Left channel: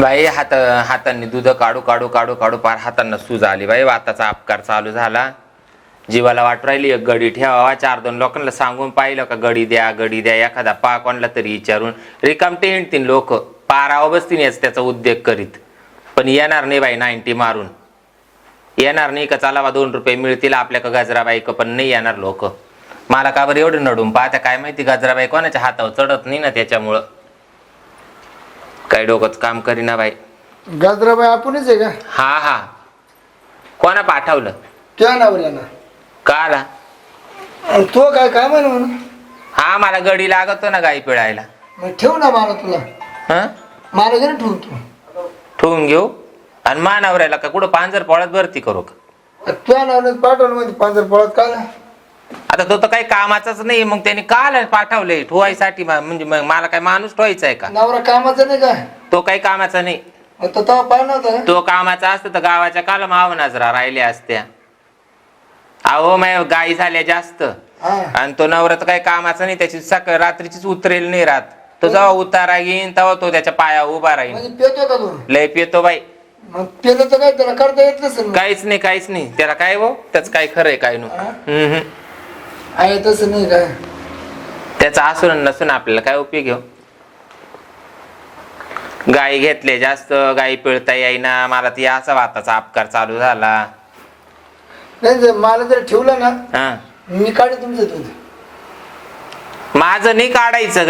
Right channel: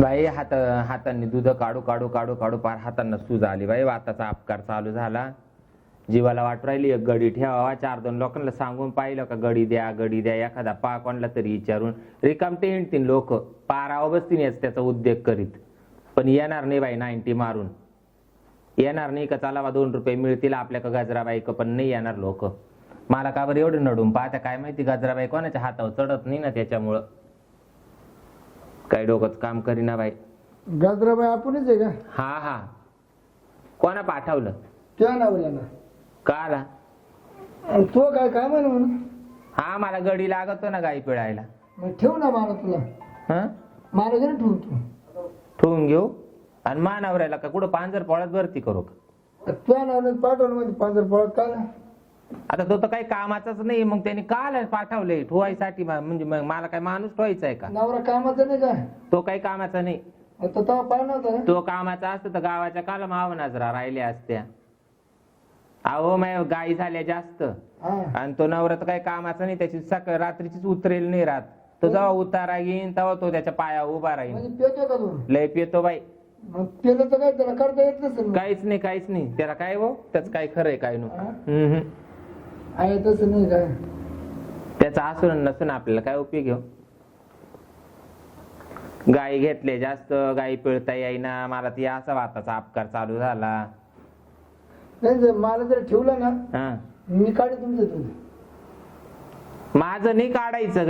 बाई हात हातांनी दूध काढू काढू काढू काढू पार हातांना सूज आली. बाई वाताचा अपकार चालू झाला. जीवाला वाट राहिली एक गडी ठेवावा. चार दोन लोकांना सांगून पाहिलं का गडी द्या गडी द्या. एखादा पा कोणला तरी विचारून रिकामटे हिंडतील लोक. पारावं बसतील याच त्याचा उद्योग करीत. पण येणार नाही बाई नाईन्टी मारून. येणार नाही का? चला दोन रुपये मिळतील. आपल्या का गजराबाई पण नाही येणार लोक. मला का बरं एवढं नडून पाहता? काय माहिती गजराबाई कोणाच्या हातावर चढत नाही ना त्याच्यामुळं. काही डोकंच काम करीना बाई. गाजराबाई आपणच आहे का? हा हा. कोणा पाठवलं? त्या नावल्या ना का आला आणि तो काय काय म्हणे म्हणून? हा मला गडी लागतो ना गाई पिळायला. मग ठेव ना मला तुला. हं? मला घरी ठेवून तू ठेवून घेऊ? आणि मानावरायला का कुठं पांजर पोळ्यात भरती करू का? त्या नावल्यात पाठवलं म्हणजे पांढर पळत काय आता तो तर काही कामाचाच नाही मग त्याने काल पाठवलंय? ठेवायसाठी मा- म्हणजे मग मला काय माणूस ठेवायचा आहे का? नवरा कामाचा नाही काय तो काही कामाचा नाही. तो तेव्हा पाहिलं नव्हता का? तो कामाचा असतं तर गावाच्या काल माव नजरा राहिल्या असत्या. अहो मै गाई झाल्या जास्त. हा. आणि तो नवरा तर काही कामाचा नाही त्याची सकाळ रात्रीचीच उतरेल नाही राहत तो जेव्हा उतारा घेईन तेव्हा तो त्याच्या पाया उभा राहील म्हणजे पेतो का तू? लय पितो बाई. मग पेलं तर काय? त्याला करता येत नसेल. काहीच नाही काहीच नाही. त्याला काय हो? त्याच काय खरंय काय नु हा? हम्म. आहे तसं नाही काय. त्याचा असून नसून आपल्याला काय उपयोग घेऊ गाई घेतले जास्त गाई पिळता येईना. मला ती असा वाताचा अपकार चालू झाला. नाही जर मला जर ठेवलं ना हा. मी काढे तुमचं दूध. माझं नाही काढायचं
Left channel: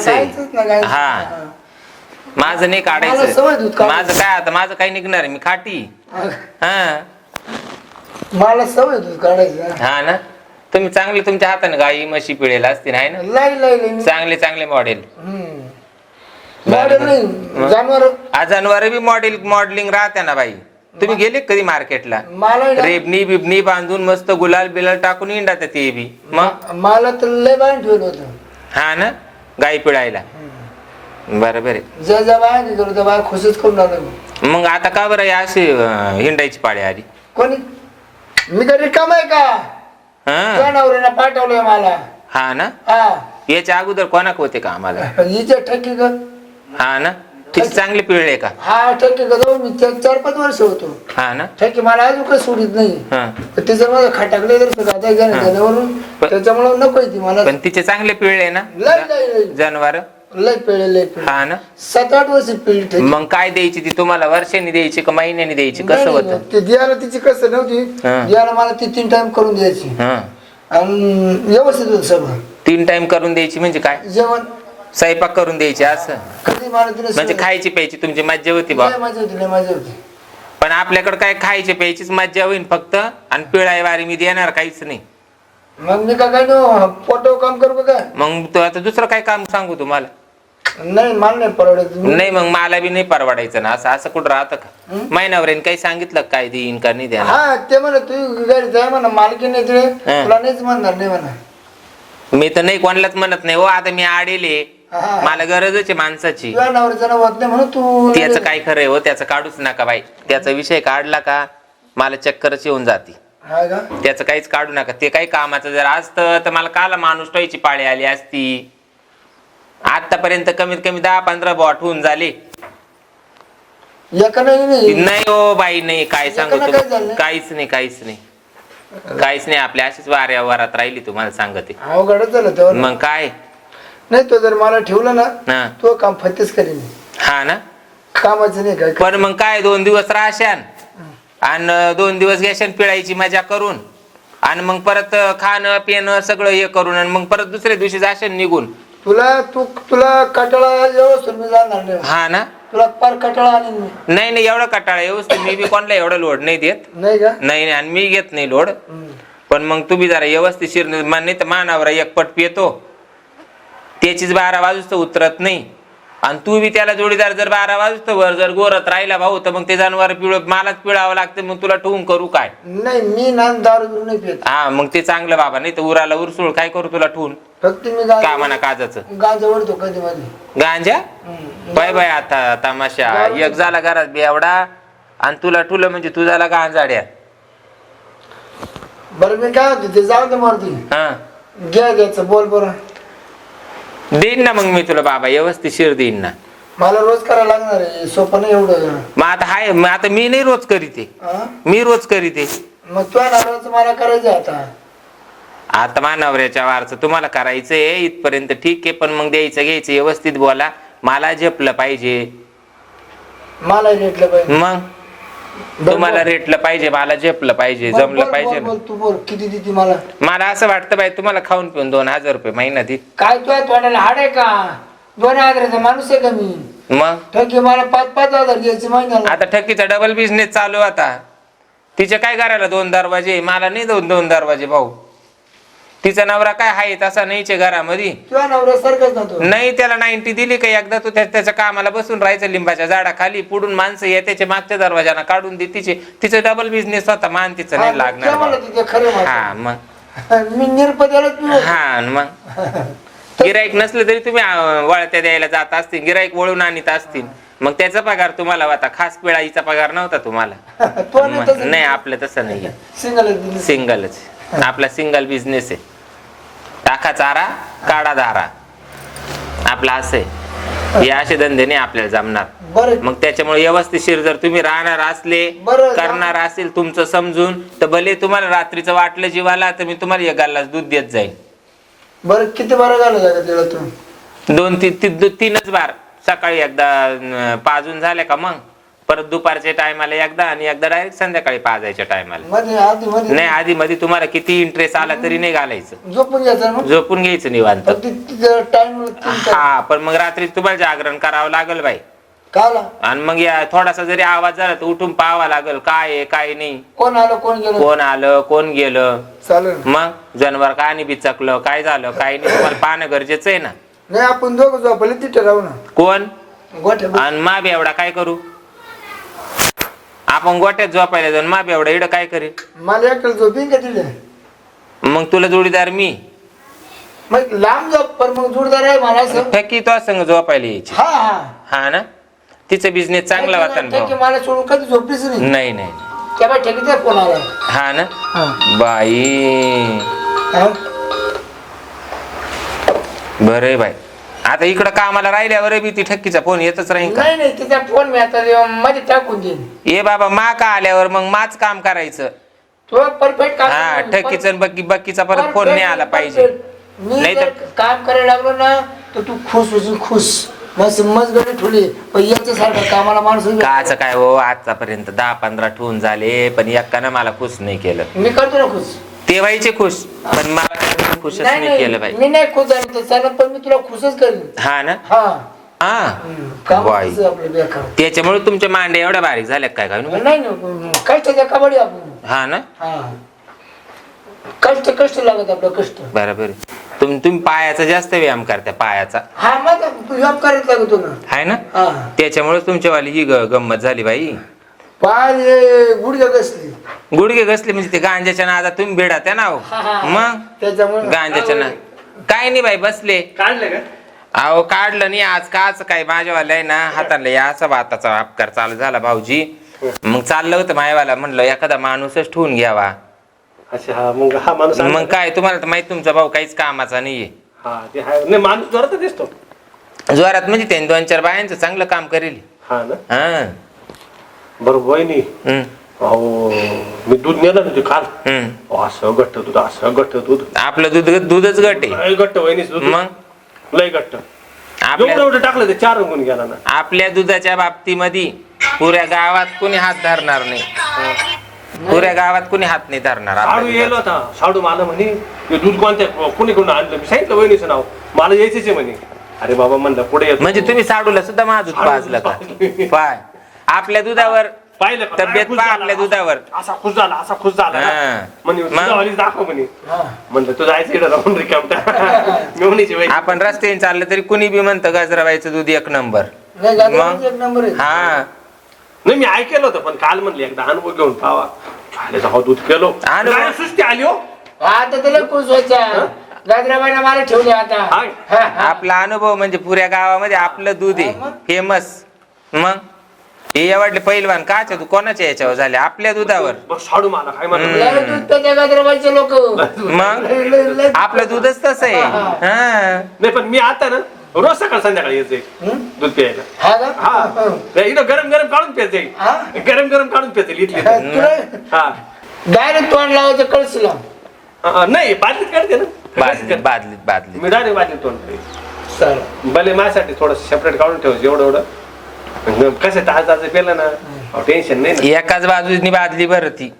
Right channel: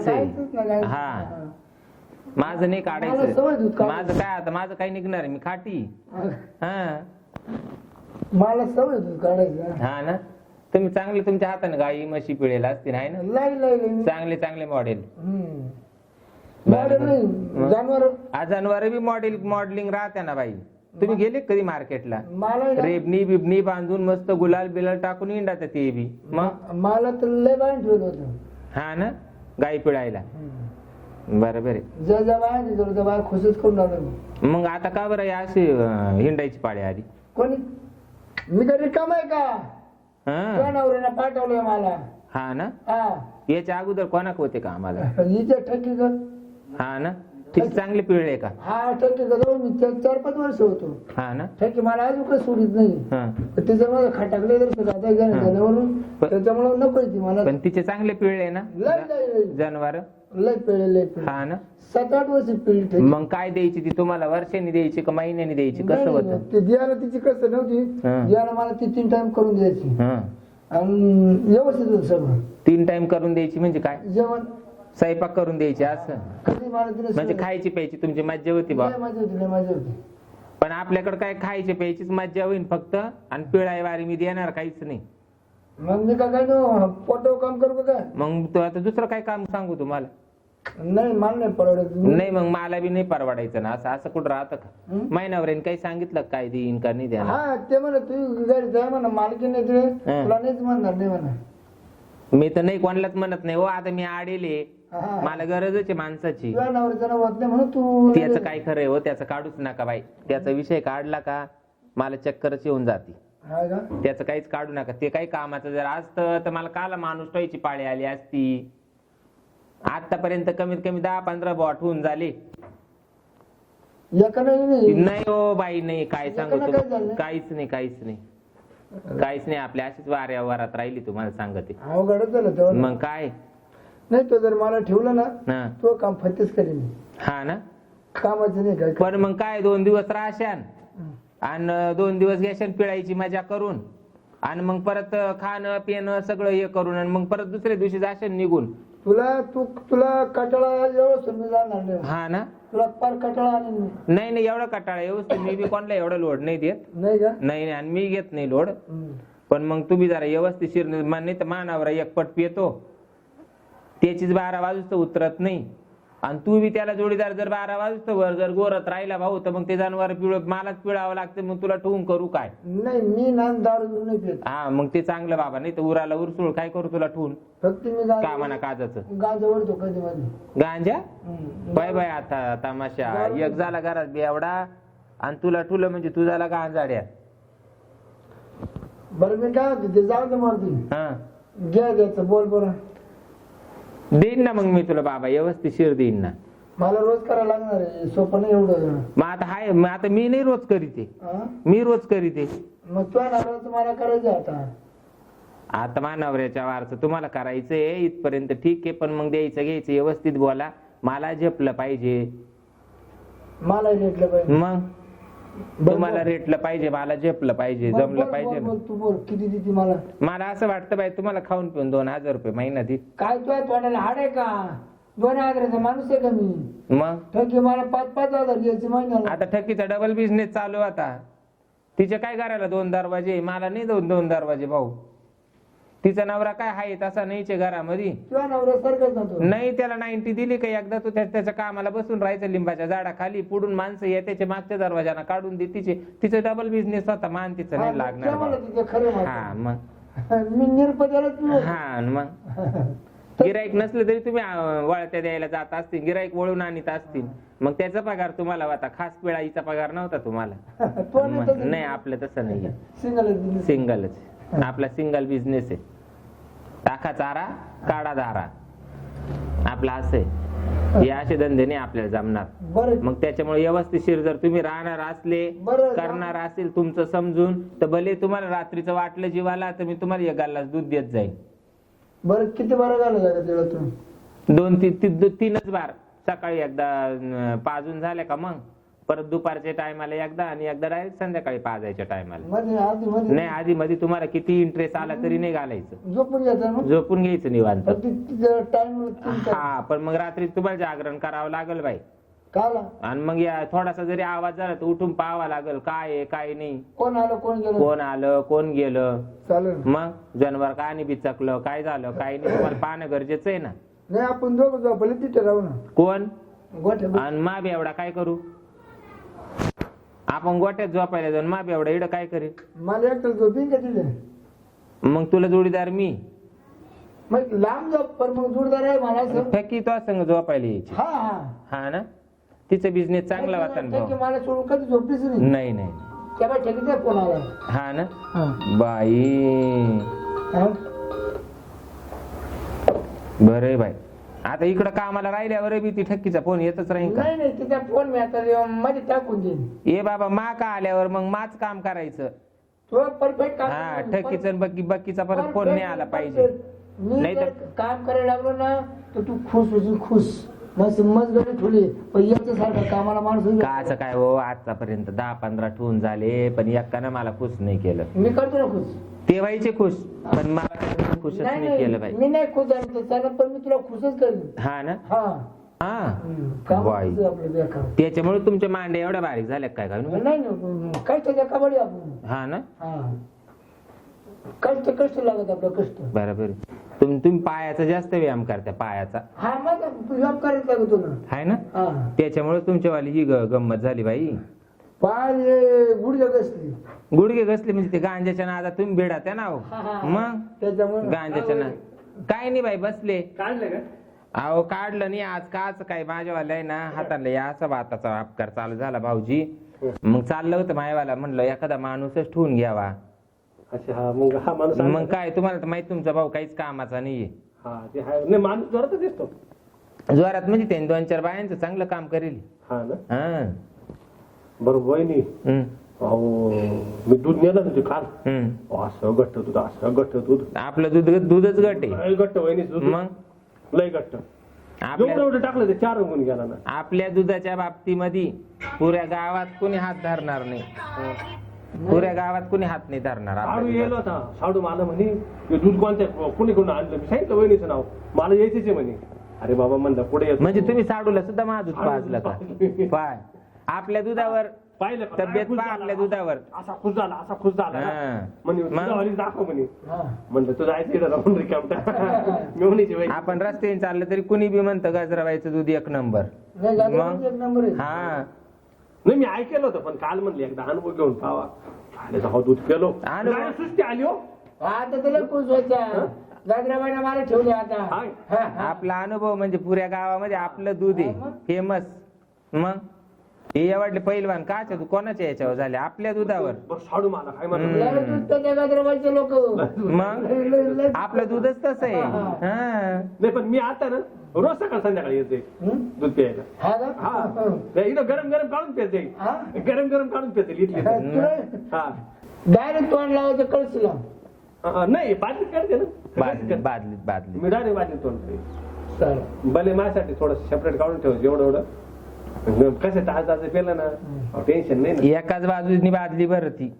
काढायचंच ना गाईचं. हा. हा. माझं नाही मला सवय दूध काढायचं काढायची. माझं काय आता माझं काय निघणार आहे मी खाटी. हा. मला सवय दूध काढायचं. हा ना. तुम्ही चांगले तुमच्या हाताने गाई म्हशी पिळेल असतील आहे ना? लाई लाई लाई चांगले चांगले मॉडेल मॉडेल. नाही जनावर. बी मॉडेल मॉडेलिंग राहते ना बाई. तुम्ही गेले कधी मार्केटला मला रेबनी बिबनी बांधून मस्त गुलाल बिलाल टाकून इंडात ते बी. मग? मला तर लय बाहेर ठेवलं होतं. हा ना? गाई पिळायला. बरोबर आहे खुशच करून आलो मी. मग आता का बरं अशी हिंडायची पाळी आली? कोणी? मी काय रिकाम आहे का? हा. नवऱ्यानं पाठवलंय मला. हा ना? हा. याच्या अगोदर कोणाक होते का आम्हाला? हिच्या का हा ना? तिची चांगले पिळले का? हा ठक्की का जाऊ मी चार पाच वर्ष होतो. हा ना? ठक्की मला अजून काही सोडित नाही. हा. पण तिचं माझं खटाकले तर सुद्धा आता पण- त्याच्यामुळे नको ती मला. पण तिचे चांगले पिळले ना? लय लय लय. जनावर? लय पिळे लय पिळे हा ना? सात आठ वर्ष ठेकी. मग काय द्यायची ती? तुम्हाला वर्षांनी द्यायची का महिन्यानी द्यायची? कसं नाही, होतं? नाही, ते द्यायला तिची कसं नव्हती. हा. द्यायला मला ती तीन टाइम करून द्यायची. हा. आणि व्यवस्थित होत सगळं. तीन टाइम करून द्यायची म्हणजे काय? जेवण. स्वयंपाक करून द्यायची असं? कधी मला तिने म्हणजे सवय- खायची प्यायची तुमची मज्जा होती बा. लय मजा होती लय मजा होती. पण आपल्याकडे काय खायची प्यायचीच मज्जा होईल फक्त. आणि पिळाय वारी मी देणार काहीच नाही. मग मी का काय नो पोटो काम करू का काय? मग तो आता दुसरं काय काम सांगू तुम्हाला? नाही मला नाही परवडत मी- नाही मग मला बी नाही परवडायचं ना. असं असं कुठं राहतं का? महिन्यावरीन काही सांगितलं का काय देईन का? नाही देणार. हा ते म्हणा तू गाडी जाय म्हणा मालकी नाही हा. तुला नाहीच म्हणणार नाही म्हणा मी तर नाही कोणालाच म्हणत नाही. हो आता मी आडेले हा. मला गरजच आहे माणसाची. तुझ्या नवऱ्याचं नाव होत नाही म्हणून तू त्याचं काय खरंय हो? त्याचं काढूच नका बाई. त्याचा विषय काढला का मला चक्करच येऊन जाते. हा का? त्याचं काहीच काढू नका. ते काही कामाचं जर असतं तर मला काला माणूस ठेवायची पाळी आली असती. आतापर्यंत कमीत कमी दहा पंधरा बॉट होऊन झाले. एका नाही हो. बाई नाही काय सांगू एकाला काय? काहीच नाही काहीच नाही. काहीच नाही आपल्या अशीच वाऱ्या वरात राहिली तुम्हाला सांगते अवघडच झालं तेव्हा मग काय? नाही तो जर मला ठेवलं ना हा. तो काम फत्तेच करीन. हा ना? कामाचं नाही काय पण मग काय दोन दिवस राहशान. आणि दोन दिवस घ्याशान पिळायची मजा करून. आणि मग परत खाणं पिणं सगळं हे करून आणि मग परत दुसऱ्या दिवशी जाशान निघून. तुला तू तुला कटाळा व्यवस्थित मी जाणार नाही. हा ना? तुला पार कटाळा आणीन मी. नाही नाही एवढं कटाळा व्यवस्थित. मी बी कोणाला एवढं लोड नाही देत. नाही का? नाही नाही आणि मी घेत नाही लोड. पण मग तुम्ही जरा व्यवस्थित शिर नाही तर मानावर एक पट पितो त्याचीच बारा वाजूच तर उतरत नाही. आणि तू बी त्याला जोडीदार जर बारा वाजतो वर जर गोरत राहिला भाऊ तर मग ते जनावर पिळ मलाच पिळावं लागतं मग तुला ठेवून करू काय? नाही मी ना दारू बिरू नाही पित. हा मग ते चांगलं बाबा नाही तर उराला उरसूळ काय करू तुला ठेवून? फक्त मी का म्हणा काजाचं? गांजा ओढतो कधी मध्ये गांजा? बाय बाय आता तमाशा. एक झाला घरात बेवडा आणि तुला ठुलं म्हणजे तू झाला गांजाड्या. बरं मी काय होते ते जाऊ दे मारती हा. घ्या घ्यायचं बोल बरं. देईन ना मग मी तुला बाबा व्यवस्थित शिर देईन ना. मला रोज करायला लागणार आहे सोपं नाही एवढं. मग आता हाय मग आता मी नाही रोज करीते. हा? मी रोज करीते. मग तुझ्या नावाचं मला करायचं आहे आता. आता मानवऱ्याच्या वारचं तुम्हाला करायचंय इथपर्यंत ठीक आहे पण मग द्यायचं घ्यायचं व्यवस्थित बोला. मला झेपलं पाहिजे. मला रेटलं पाहिजे. मग? तुम्हाला. रेटलं पाहिजे मला झेपलं पाहिजे बोल, जमलं बोल, पाहिजे बोल, ना. बोल, तू बोल किती देते मला? मला असं वाटतं बाई तुम्हाला खाऊन पिऊन दोन हजार रुपये महिना दे काय तुझ्या तोंडाला हाड आहे का? दोन हजाराचा माणूस आहे का मी? मग? ठकी मला पाच पाच हजार द्यायचे महिन्याला. आता ठकीचा डबल बिझनेस चालू आता. तिचे काय करायला दोन दरवाजे मला नाही दोन दोन दरवाजे भाऊ. तिचा नवरा काय आहे तसा नाहीचे घरामध्ये? सारखंच नाही त्याला नाईन्टी दिली का एकदा तू त्या- त्याच्या कामाला बसून राहायचं लिंबाच्या झाडाखाली पुढून माणसं येते मागच्या दरवाजाना काढून दे तिचे तिचं डबल बिझनेस होता मान तिचं नाही लागणार खरं हा म्हणतो. मग. मी निरपद्याला पिऊ हा आणि मग. गिराईक नसलं तरी तुम्ही अं, वळत्या द्यायला जात असतील गिराईक वळून आणीत असतील. मग त्याचा पगार तुम्हाला होता खास पिळाईचा पगार नव्हता तुम्हाला. तो नाही मग- तसं नाही आपलं तसं नाही सिंगल सिंगलच आपला सिंगल बिझनेस आहे. टाका चारा काढा दारा आपला असं हे असे धंदे नाही आपल्याला जमणार. मग त्याच्यामुळे व्यवस्थितशीर जर तुम्ही राहणार असले करणार असेल तुमचं समजून तर भले तुम्हाला रात्रीचं वाटलं जीवाला तर मी तुम्हाला एक दूध देत जाईल बरं किती बरं झालं दोन तीन तीनच बार. सकाळी एकदा पाजून झाल्या का मग? परत दुपारच्या टायमाला एकदा आणि एकदा डायरेक्ट संध्याकाळी पाजायच्या टायमाला मध्ये आधी मध्ये. नाही आधी मध्ये तुम्हाला किती इंटरेस्ट आला तरी नाही घालायचं. झोपून घ्यायचं मग? झोपून घ्यायचं निवांत. टाइम हा पण मग रात्री तुम्हाला जागरण करावं लागेल बाई. काला? आणि मग या थोडासा जरी आवाज झाला तर उठून पाहावा लागेल काय आहे काय नाही. कोण आलं कोण गेलं? कोण आलं कोण गेलं? चालेल मग जनवर का आणि बिचकलं काय झालं काय नाही तुम्हाला पाहणं गरजेचं आहे ना. नाही आपण दोघं झोपले तिथे राहू ना. कोण? गोठ्या आणि मा एवढा काय करू? आपण गोट्यात झोपायला जाऊन मा एवढा इडं काय करेल मला एकटं झोपीन का तिथे? मग तुला जोडीदार मी. मग लांब झोप पण मग जोडदार आहे मला असं. ठकी तो संग झोपायला यायची. हा हा. हा ना? तिचा बिझनेस चांगला होता ना ठेकी भाऊ. मला सोडून कधी झोपलीच नाही. नाही नाही त्या बाई ठेकीचा फोन आला हा ना? हा. बाई. हा? बरं बाई. आता इकडं कामाला राहिल्यावर बी ती ठक्कीचा फोन येतच राहील का? नाही नाही तिचा फोन मी आता मध्ये टाकून देईन. ए बाबा मा का आल्यावर मग माच काम करायचं. तो परफेक्ट काम हा करेल. ठक्कीचं आणि बक्की बक्कीचा परत फोन नाही आला पाहिजे. मी नाही जर तर- काम करायला लागलो ना तर तू खुश होशील खुश. मस्त मस्त गडी ठेवली. पण याच्यासारखं कामाला माणूस काच काय हो आतापर्यंत दहा पंधरा ठेवून झाले पण एकानं मला खुश नाही केलं. मी करतो ना खुश. ते व्हायचे खुश पण मला काय खुशच नाही केलं बाई. मी नाही खुश झालो तर चालेल पण मी तुला खुशच करेन. हा ना? हा. हा. हम्म. काम बाई. कसं आपलं बेकार? त्याच्यामुळे तुमच्या मांड्या एवढ्या बारीक झाल्या काय काय नाही? आपण. हा ना? हा. कष्ट कष्ट लागत आपलं कष्ट. बरोबर. तुम्ही तुम्ही पायाचा जास्त व्यायाम करता पायाचा. हा मग जॉब करायला लागतो ना. आहे ना? हा. त्याच्यामुळे तुमच्यावाली ही ग- गंमत झाली बाई. पाय गुडघ्या कसली गुडघे घसले म्हणजे ते गांजाच्या नादा तुम्ही भेडा ना हो. हा, हा. मग? त्याच्यामुळे. गांजाच्या ना काय नाही बाई बसले. काढलं का? अहो काढलं नाही. आज काच काय माझ्यावाला आहे ना हाताला या असा भाताचा अपकार चालू झाला भाऊजी. मग चाललं होतं मायवाला म्हणलं एखादा माणूसच ठेवून घ्यावा. अच्छा हा मग हा माणूस मग काय तुम्हाला तर माहीत तुमचा भाऊ काहीच कामाचा नाहीये. हा ते हा नाही माणूस जोरात दिसतो. जोरात म्हणजे त्यांनी दोन चार बायांचं चांगलं काम करेल. हा ना? हा. बरं वहिनी अहो मी दूध नेलं ना ते काल हम्म. अहो, असं घट्ट दूध असं घट्ट दूध. आपलं दूध दूधच गट आहे. लय घट्ट वहिनीच दूध. मग? लय घट्ट. आपल्या एवढं एवढं टाकलं ते चार रंगून गेला ना. आपल्या दुधाच्या बाबतीमध्ये पुऱ्या गावात कुणी हात धरणार नाही. पुऱ्या गावात कुणी हात नाही धरणार आपल्या साडू येलो दुधाचा. होता. साडू मला म्हणे हे दूध कोणत्या कोणी कोण आणलं? मी सांगितलं वहिनीचं नाव. मला यायचंच आहे म्हणे. अरे बाबा म्हणलं पुढे येतो. म्हणजे तुम्ही साडूला सुद्धा माझं दूध साडू पाजलं का? पाजलं. पाय. आपल्या दुधावर. पाहिलं का? तब्येत खुश पहा झाला, आपल्या दुधावर. असा खुश झाला असा खुश झाला ना. हा. म्हणे मग? तुझ्यावालीच दाखव म्हणे. म्हणलं इकडे राहून रिकामटा आपण रस्त्याने चाललं तरी कुणी बी म्हणतं गजराबाईचं दूध एक नंबर. नाही मग? गाजराचं एक नंबर आहे. हा. नाही मी ऐकलं होतं पण काल म्हणले एकदा अनुभव घेऊन पावा. झाले जाऊ दूध केलो. अनुभव? काय सुस्ती आली हो? आता त्याला खुश व्हायचा गाजराबाईला मला ठेवले आता. हाय. हा, हा. आपला अनुभव म्हणजे पुऱ्या गावामध्ये आपलं दूध आहे? फेमस. मग? हे आवडले पैलवान काच्या तू कोणाच्या याच्यावर झाले? आपल्या दुधावर. बघ साडू मला काय लय दूध लोक. मग? आपलं दूधच तसं आहे. हा नाही पण मी आता ना रोज सकाळ संध्याकाळी येत? दूध प्यायला. हा का? हा. हं. नाही, इथं गरम गरम काढून प्यायच. हा? जाईल गरम गरम काढून प्यायच जाईल इथली हा, हा. डायरेक्ट तोंड लावायचं कळशीला. हा, नाही बादलीत काढते ना. बादलीत बादलीत बादलीत. मी डायरेक्ट बादलीत तोंड भले माझ्यासाठी थोडं सेपरेट काढून ठेवायचं एवढं एवढं. कसं ताज ताज पेलं ना. टेन्शन नाही ना. एकाच बाजूनी बादली बरं ती.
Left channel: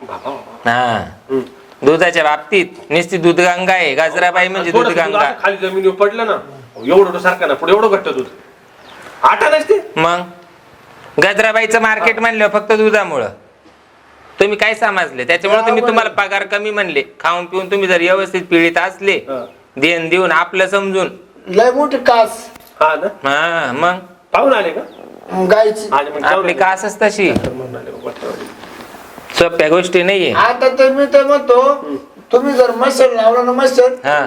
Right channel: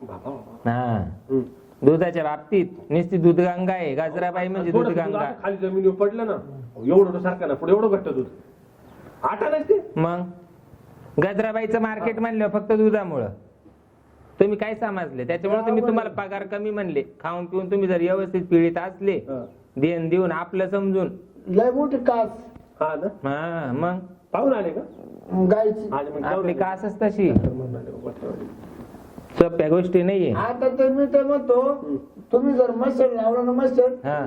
बाबा. हा. हं. दुधाच्या बाबतीत नुसती दूध गंगा आहे गजराबाई म्हणजे दूध थोडंसं दूध गंगा. असं खाली जमिनीवर पडलं ना एवढं सारखं ना पुढे एवढं घट्ट दूध. आटा नसते. मग? गजराबाईचं मार्केट म्हणलं फक्त दुधामुळं. तुम्ही काय समजले? त्याच्यामुळे तुम्ही तुम्हाला पगार कमी म्हणले. खाऊन पिऊन तुम्ही जर व्यवस्थित पिळीत असले हा. देण देऊन आपलं समजून. लय मोठी कास. हा ना. हा मग? पाहून आले का? गायची. आणि मग जाऊन आपली तशी. सोप्या गोष्टी नाहीये. आता तर मी तर म्हणतो तुम्ही जर मशीन लावला ना मशीन हा.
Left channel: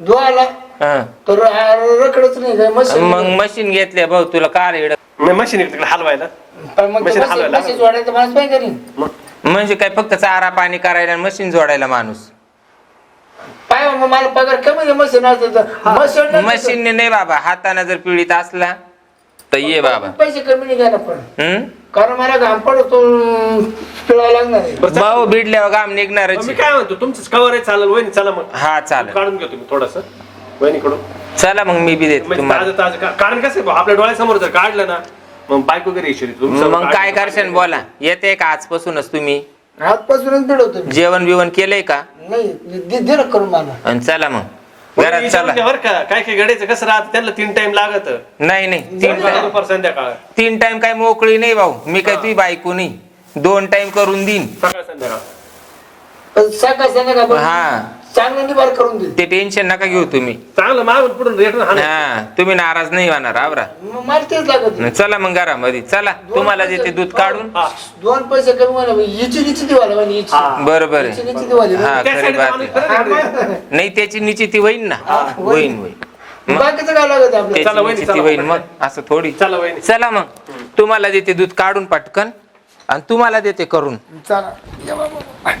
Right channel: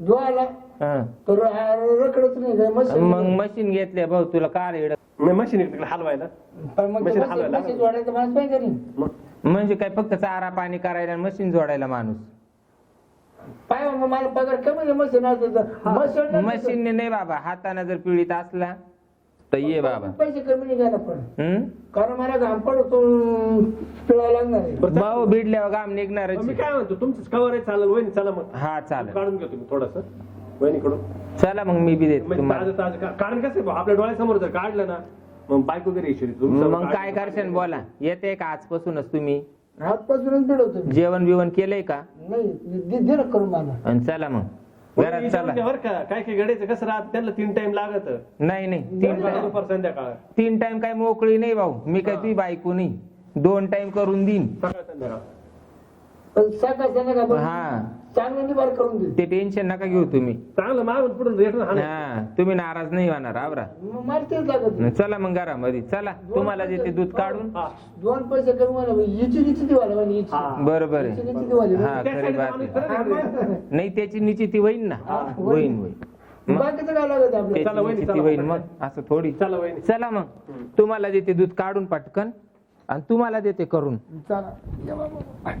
धुवायला हा. तर आ- रखडच नाही काय मग मशीन घेतल्या भाऊ तुला कार येड मी मशीन तिकडे हलवायला. पण मग मशीन हलवायला मशीन जोडायचं माणूस पाहिजे नाही मग? म्हणजे काय फक्त चारा पाणी करायला मशीन जोडायला माणूस. पाय मग मला पगार कमी मशीन असतं मशीन मशीनने नाही बाबा हाताने जर पिळीत असला तर ये बाबा. पैसे कमी नाही घ्या ना पण. हम्म कारण मला घाम पडतो लागणार आहे. बरं, भाऊ भिडल्यावर घाम निघणारच मी काय म्हणतो तुमचंच कवर आहे चालेल वहिनी चला मग. हा चालेल. काढून घेतो मी थोडस. वहिनीकडून. चला मग मी बी देते म्हणजे तुम्हाला. ताजं ताजं का- कारण कसं आहे भाऊ, आपल्या डोळ्यासमोर जर काढलं ना मग बायको वगैरे येशील तुमचं मग काय करशाल? बोला. येते का आजपासूनच तुम्ही? आजपासूनच पिळवतो मी. जेवण बिवण केलंय का? नाही दे दे ना करून मला. आणि चला मग. घरात चला. बरं का. काय काय गडायचं कसं राहतं त्यांना तीन टाइम लागत. नाही नाही. तीन टाइम दुपार संध्याकाळ. तीन टाइम काय मोकळी नाही भाऊ. मी काय तुझी बायको नाही. दोन टाइम करून देईन. सकाळ संध्याकाळ. पण सकाळ संध्याकाळ हा. चांगलं निभार करून दे ते टेन्शन नका घेऊ तुम्ही. चांगलं मागून पुढून रेट हा तुम्ही नाराज नाही होणार आवरा मग मला तेच लागत नाही. चला मग घरामध्ये चला. तुम्हाला देते दूध काढून. दोन पैसे कमी मला हिची निची दिवाला हिची. हा. बरोबर हिची आहे निची दिवाली हा खरी बात आहे. नाही त्याची निश्चिती होईन ना. होईन होईन मग बाकीचं काय लागत आहे आपल्याला? चला, त्याची वहिनी, निश्चिती चला. होईन मग असं थोडी. चला वहिनी. चला मग. तुम्हाला देते दूध काढून पटकन आणि तुम्हाला देते करून. चला. या बाबा.